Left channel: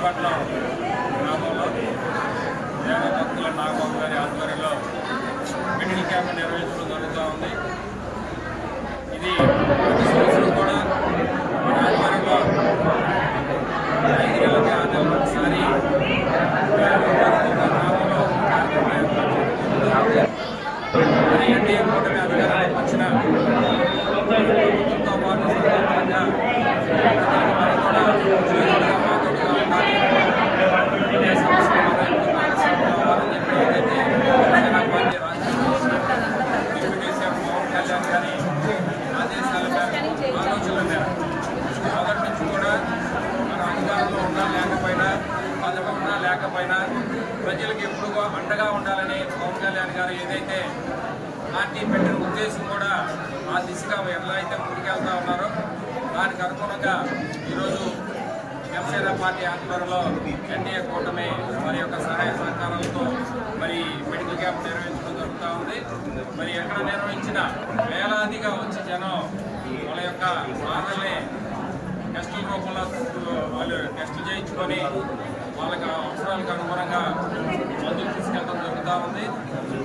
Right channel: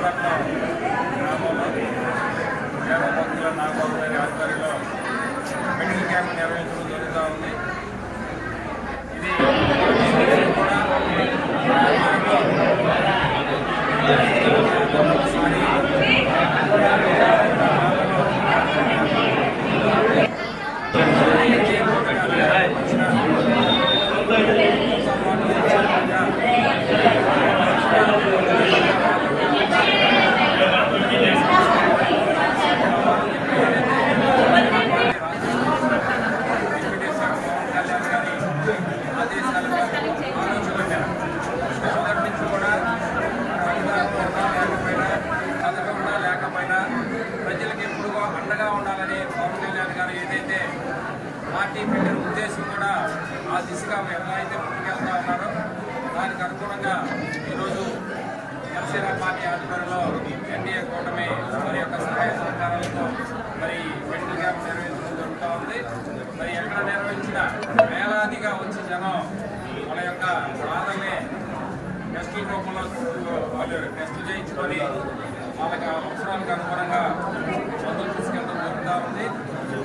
దేవపట్నం గ్రామంలో దేవ భక్తుల నాగబాబు గారి ఆధ్వర్యంలో మెడికల్ క్యాంప్ నిర్వహించడం జరుగుతూ ఉంది. ఇది ప్రతి సంవత్సరం కూడా ఈ ఆధ్వర్యంలో రైతులకి ఆధ్వర్యంలో ఒకసారి గ్రామంలో ఎన్డీఏ కూటమి అధికారంలోకి వచ్చిన ప్రభుత్వ పాలన సందర్భంగా ఇదే సంవత్సరం కావాలని చెప్పి ఏదైతే జనసేన పార్టీ రాష్ట్ర డిప్యూటీ సీఎం పవన్ కళ్యాణ్ గారి ఆదేశాల మేరకు ఆలోచనల మేరకు మొదటి నుంచి కూడా మనం అధికారంలో ఉన్నా లేకపోయినా పదవి ఉన్నా లేకపోయినా ప్రజలకు ఎప్పుడు అండగా ఉండాలని పవన్ కళ్యాణ్ గారు ఏదైతే పార్టీ పెట్టిన ఉద్దేశం కూడా ఆ దిశగా ఎలా అయితే ముందుకెళ్తా ఉన్నారో దానికి అనుగుణంగా ఈరోజు జనసేన పార్టీ ఆధ్వర్యంలో ఎన్డీఏ కూటమి మరి యొక్క సహాయ సహకారాలతో మరి మెడికల్ క్యాంప్ నిర్వహించడం జరుగుతూ ఉంది. మరి ఎక్కడ నిర్వహించిన వేలాదిగా వచ్చి జనం వాళ్ళ యొక్క బాధల్ని టెస్టుల రూపంలో వాళ్ళు టెస్టులు చేయించుకొని వాళ్ళకి అవసరాలకు అనుగుణంగా మందులు తీసుకెళ్ళడం జరుగుతూ ఉంది.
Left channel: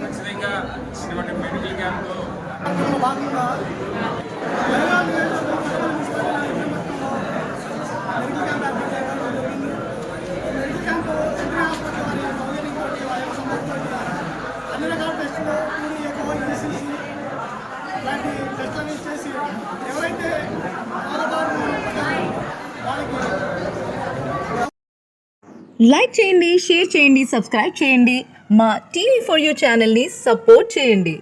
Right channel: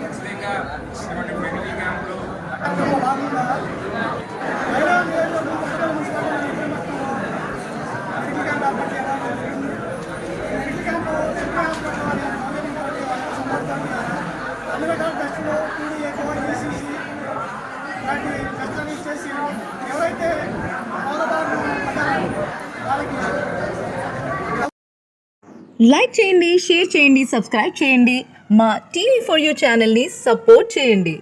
ఖచ్చితంగా ఇటువంటి మెడికల్ క్యాంపులు ఏర్పాటు చేయడం జరిగింది మెడికల్ క్యాంపు సెంట్రల్ హాస్పిటల్ వారి సౌకర్యంతో వాళ్ళ యొక్క అన్ని రకాల టెస్టులు టూడీ ఈసీసీ ఇలాంటి టెస్టులని చేసి ఎవరైతే బాధబారులు పడ్డారో వాళ్ళకి లైక్ చేయండి షేర్ చేయండి. సబ్స్క్రైబ్ చేయండి మా టీవీ ఫర్ యూ ఛానల్ని సపోర్ట్ చేయండి.